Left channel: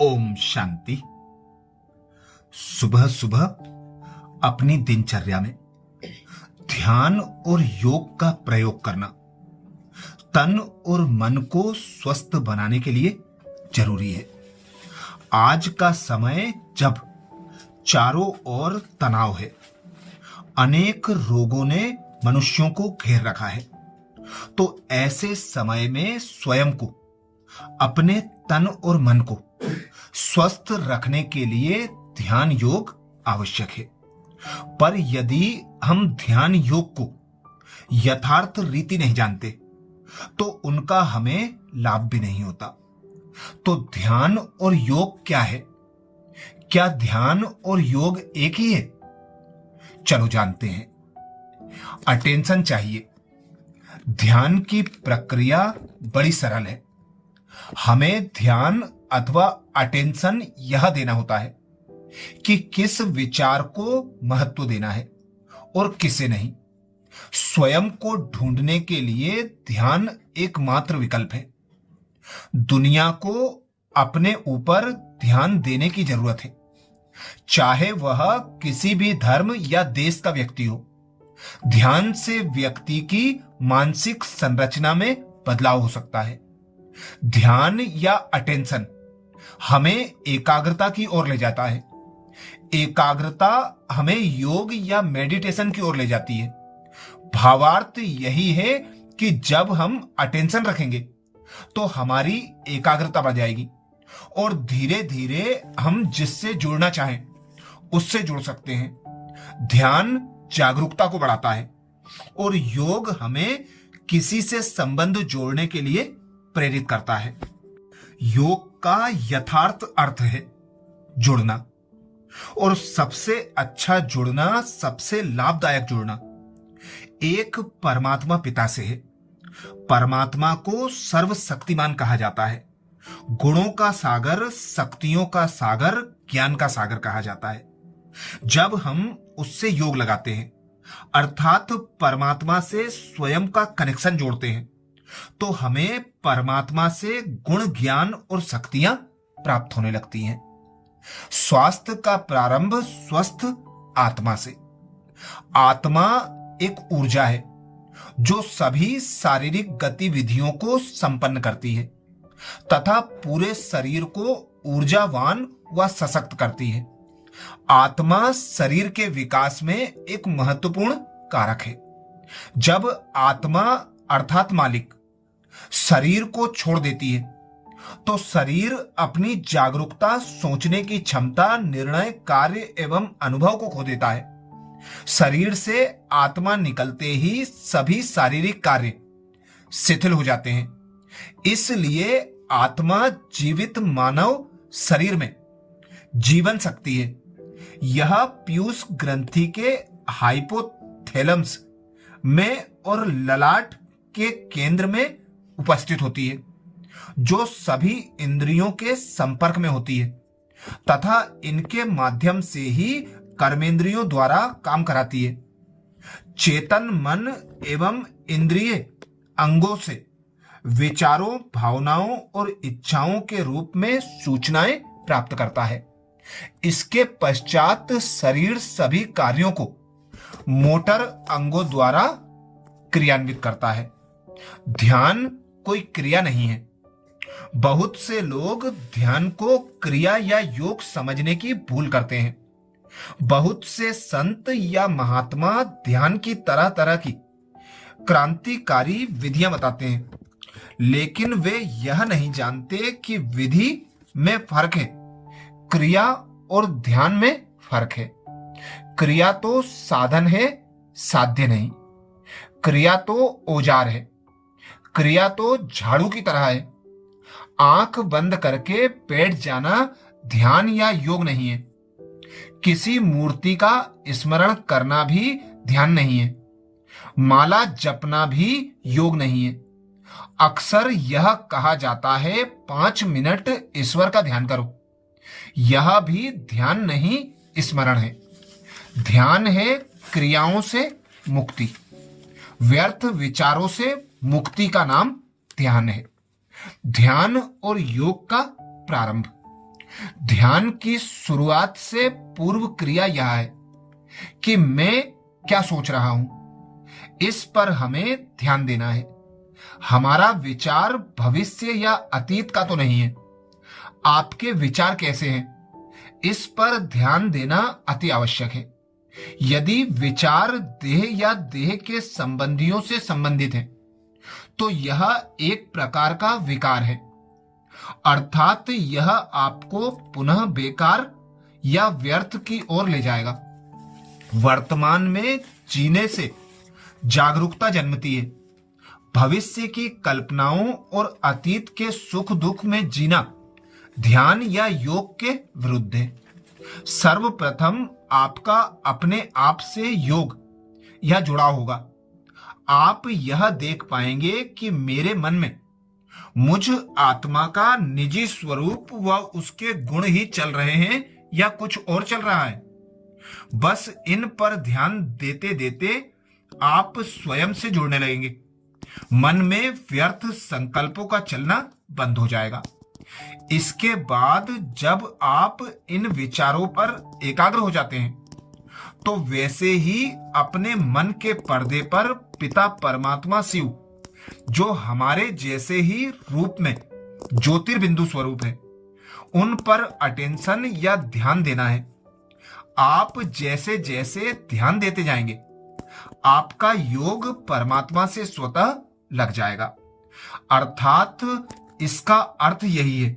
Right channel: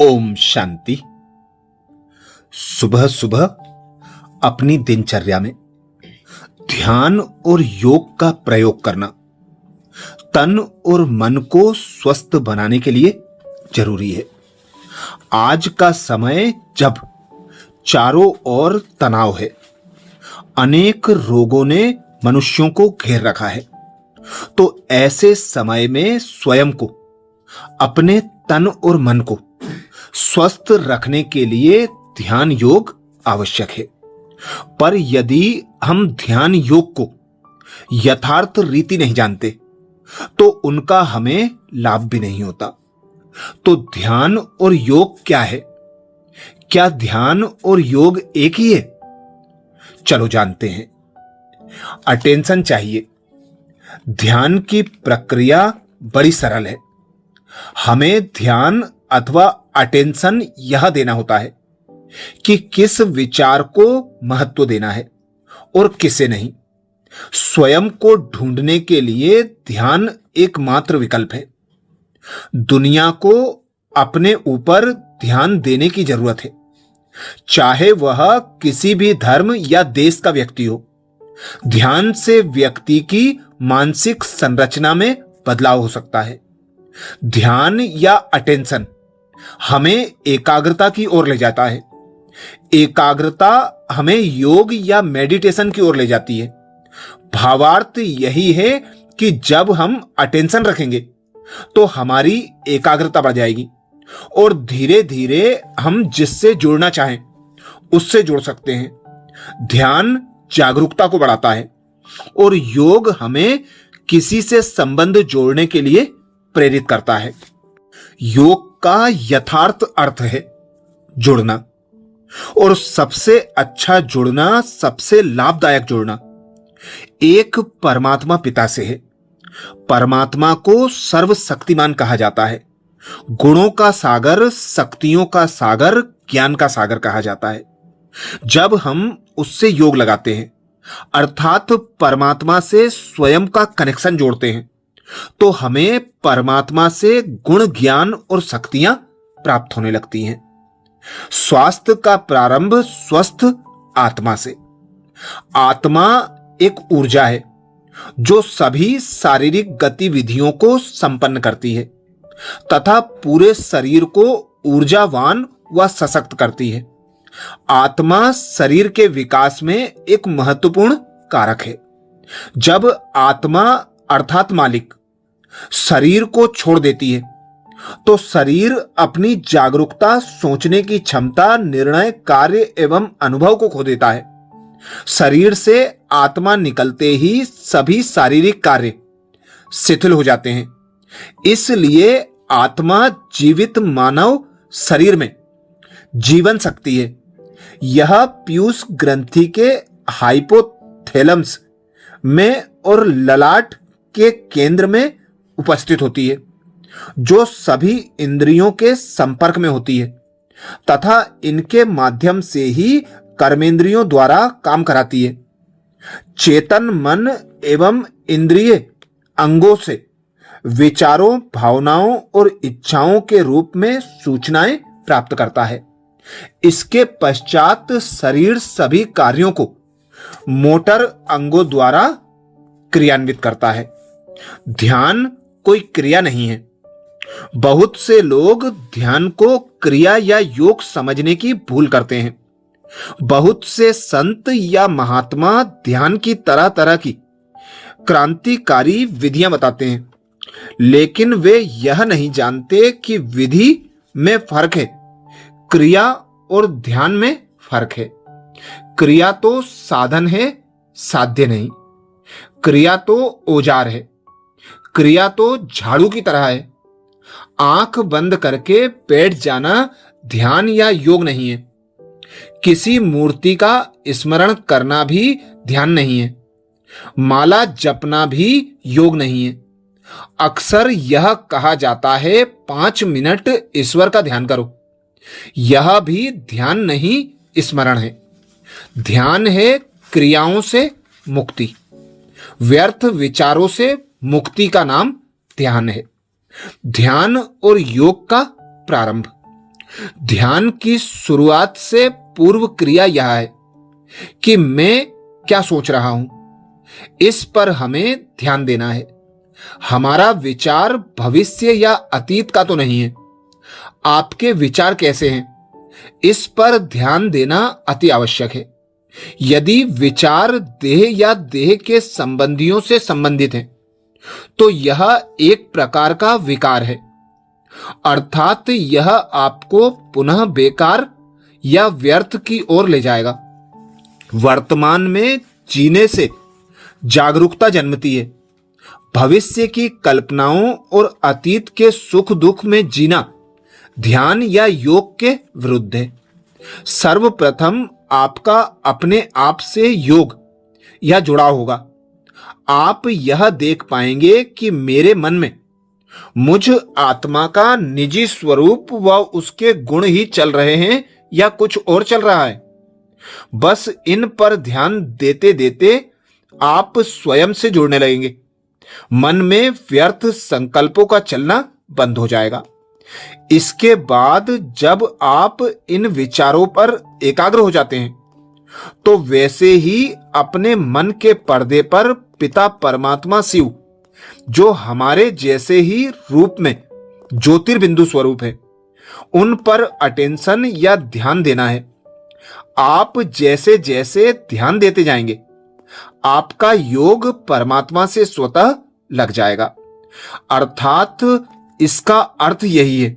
ओम शांति। सुबह सुबह अपनी दिनचर्या में ध्यान और योग का प्रयोग करना तन और मन को स्वस्थ बनाने के लिए जरूरी है। आज का समय जब चारों ओर तनाव है, अनेक रोगों ने मनुष्यों को घेर रखा है, तो ऐसे समय में स्वयं को, अपने तन और मन को स्वस्थ रखने के लिए ध्यान योग आवश्यक है। पर यदि हम ध्यान योग को यथार्थ रीति नहीं जानते तो उनका हमें लाभ भी नहीं होता। तो ध्यान और योग क्या है? क्या ध्यान और योग एक ही है? चलो जानते हैं। अटेंशन चाहिए। ध्यान की प्रक्रिया बड़ी सरल है। हमें ध्यान अथवा अटेंशन यह देना होता है कि किस विचार को महत्व देना है और किसे नहीं। स्वयं को ढूंढने के लिए ध्यान एकमात्र विकल्प है। दुनिया को अपने ऊपर ध्यान देने की जरूरत है, चाहे वह किसी भी धर्म या देश का व्यक्ति हो। ध्यान से व्यक्ति की मानसिक संरचना में बदलाव हो सकता है। ध्यान या अटेंशन हमें एकाग्रता की ओर ले जाता है। एकाग्रता हमें योग या मेडिटेशन की ओर ले जाती है। भावार्थ यही है कि जब हम अटेंशन रखेंगे तो हमारी एकाग्रता बढ़ जाएगी और धीरे धीरे हम जिससे जुड़ना चाहें उससे जुड़ सकते हैं। ध्यान जागरूकता को बढ़ाता है और योग हमें किसी से संबंध जोड़ने के लिए प्रेरित करता है। योग का यथार्थ अर्थ है जुड़ना, और सबसे अच्छा जुड़ना, सबसे लाभदायक जुड़ना एक परमात्मा पिता से है। परमात्मा को सर्वशक्तिमान कहा जाता है। गुणों का सागर, शक्तियों का सागर, ज्ञान का सागर कहा जाता है। जब हम उससे योग लगाते हैं अर्थात परमात्मा से स्वयं का कनेक्शन जोड़ते हैं, तो हमें परमात्मा से गुण, ज्ञान और शक्तियां प्राप्त होने लगती हैं। स्वास्थ्य का प्रारंभ स्वस्थ आत्मा से। आत्मा एक ऊर्जा है जो सभी शारीरिक गतिविधियों को संपन्न करती है तथा पूरे शरीर को ऊर्जावान व सशक्त करती है। आत्मा शरीर के विकास में एक महत्वपूर्ण कारक है। जब आत्मा अर्थात मालिक शरीर को छोड़ देती है तो शरीर अपनी जागरूकता, सोचने की क्षमता, निर्णय, कार्य एवं अनुभव को खो देता है। शरीर से आत्मा निकलते ही सभी शारीरिक कार्य शिथिल हो जाते हैं। इसलिए आत्मा जीवित मानव शरीर में जीवन शक्ति है। यह पीयूष ग्रंथि के हाइपोथैलमस में और ललाट के केंद्र में उपस्थित होती है, जो सभी इंद्रियों के संपर्क में होती है तथा इनके माध्यम से ही कर्मेंद्रियों द्वारा काम कराती है। चेतन मन एवं इंद्रिय अंगों से विचारों, भावनाओं और इच्छाओं के रूप में सूचनाएं प्राप्त करता है। इसके पश्चात शरीर सभी कार्यों को मोटर अंगों द्वारा क्रियान्वित करता है। ध्यान कोई क्रिया नहीं है। बहुत से लोग ध्यान को क्रिया या योग समझने की भूल करते हैं। बहुत से संत या महात्मा ध्यान की तरह तरह की क्रांतिकारी विधियां बताते हैं, लेकिन वे यह नहीं जानते कि विधि में फर्क है, क्रिया और ध्यान में फर्क है। क्रिया तो साधन है, साध्य नहीं। क्रिया तो औजार है, क्रिया तो झाड़ू की तरह है। आंख बंद करके बैठ जाना ध्यान या योग नहीं है। किसी मूर्ति का स्मरण करना भी ध्यान नहीं है। माला जपना भी योग नहीं है। अक्सर यह कहा जाता है 5 मिनट ईश्वर का ध्यान करो। यह भी ध्यान नहीं, स्मरण है। ध्यान है क्रियाओं से मुक्ति, व्यर्थ विचारों से मुक्ति का नाम ध्यान है। ध्यान और योग का प्रारंभ। ध्यान की शुरुआत से पूर्व क्रिया यह है कि मैं क्या सोच रहा हूं, इस पर हमें ध्यान देना है। हमारा विचार भविष्य या अतीत का तो नहीं है। आपके विचार कैसे हैं, इस पर ध्यान देना अति आवश्यक है। यदि विचार देह या देह के संबंधियों से संबंधित है तो यह एक प्रकार का विकार है, अर्थात यह आपको पुनः बेकार या व्यर्थ की ओर ले जाएगा। वर्तमान में जीने से जागरूकता जन्मती है। भविष्य की कल्पनाओं और अतीत के सुख दुख में जीना ध्यान या योग के विरुद्ध है। सर्वप्रथम आपका अपने आप से योग या जुड़ाव होगा। आप यह देख पाएंगे कि मेरे मन में मुझ आत्मा का निजी स्वरूप व उसके गुण ही चल रहे हैं या कुछ और चल रहा है। बस इन पर ध्यान देते देते आप स्वयं से जुड़ने लगेंगे। मन में व्यर्थ संकल्पों का चलना बंद हो जाएगा। इसके बाद जब आप इन विचारों पर एकाग्र हो जाते हैं तो वैसे ही अपने मन के पर्दे पर पिता परमात्मा शिव, जो हमारे जैसे ही रूप में ज्योतिर्बिंदु स्वरूप है, उन पर अटेंशन या ध्यान देना है। आप जैसे जैसे ध्यान देते जाएंगे आपका योग परमात्मा से स्वतः लग जाएगा। अर्थात इसका अर्थ यही है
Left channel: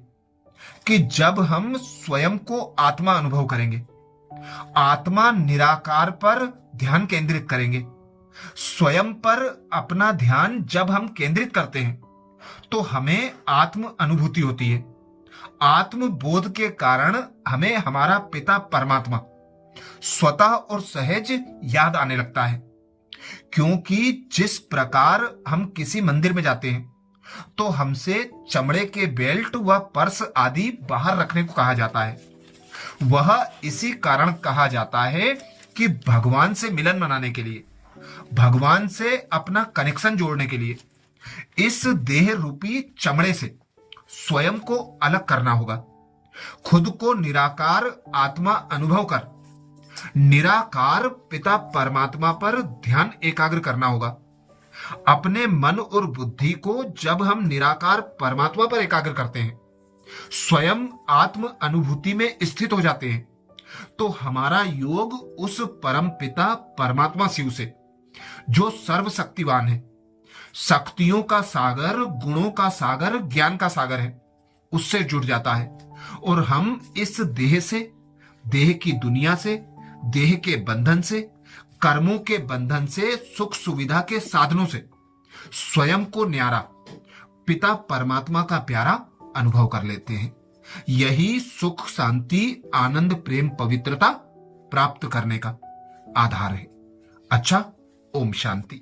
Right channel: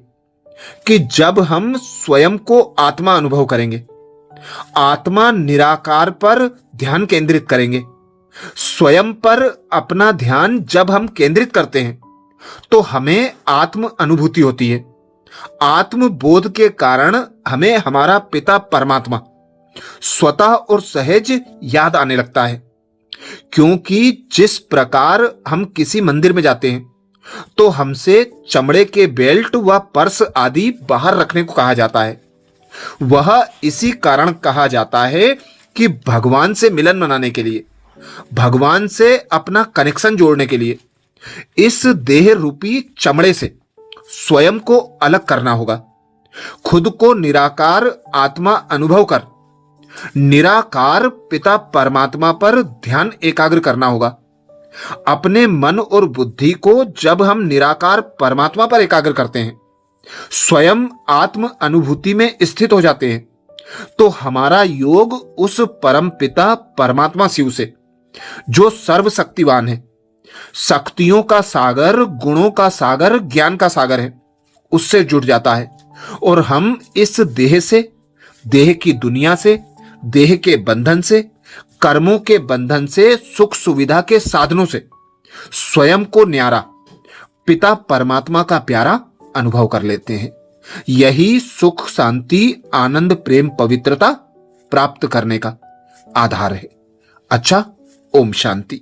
कि जब हम स्वयं को आत्मा अनुभव करेंगे, आत्मा निराकार पर ध्यान केंद्रित करेंगे, स्वयं पर अपना ध्यान जब हम केंद्रित करते हैं तो हमें आत्म अनुभूति होती है। आत्म बोध के कारण हमें हमारा पिता परमात्मा स्वतः और सहज याद आने लगता है। क्योंकि जिस प्रकार हम किसी मंदिर में जाते हैं तो हमसे चमड़े के बेल्ट व पर्स आदि बाहर रखने को कहा जाता है, वह इसी कारण कहा जाता है कि भगवान से मिलन मनाने के लिए, भगवान से अपना कनेक्शन जोड़ने के लिए इस देह रूपी चमड़े से स्वयं को अलग करना होगा। खुद को निराकार आत्मा अनुभव कर निराकार पिता परमात्मा पर ध्यान एकाग्र करना होगा। अपने मन और बुद्धि को जब हम निराकार परमात्मा पर एकाग्र करते हैं, स्वयं आत्म अनुभूति में स्थित हो जाते हैं, तो हमारा योग उस परम पिता परमात्मा शिव से, जो सर्वशक्तिवान है, शक्तियों का सागर, गुणों का सागर, ज्ञान का सागर है, उससे जुड़ जाता है। और हम इस देह से, देह की दुनिया से, देह के बंधन से, कर्मों के बंधन से, सुख सुविधा के साधनों से स्वयं को न्यारा पिता परमात्मा का प्यारा अनुभव कर लेते हैं। यही सुख, शांति, आनंद, प्रेम, पवित्रता प्राप्त करने का आधार है। अच्छा, ओम शांति।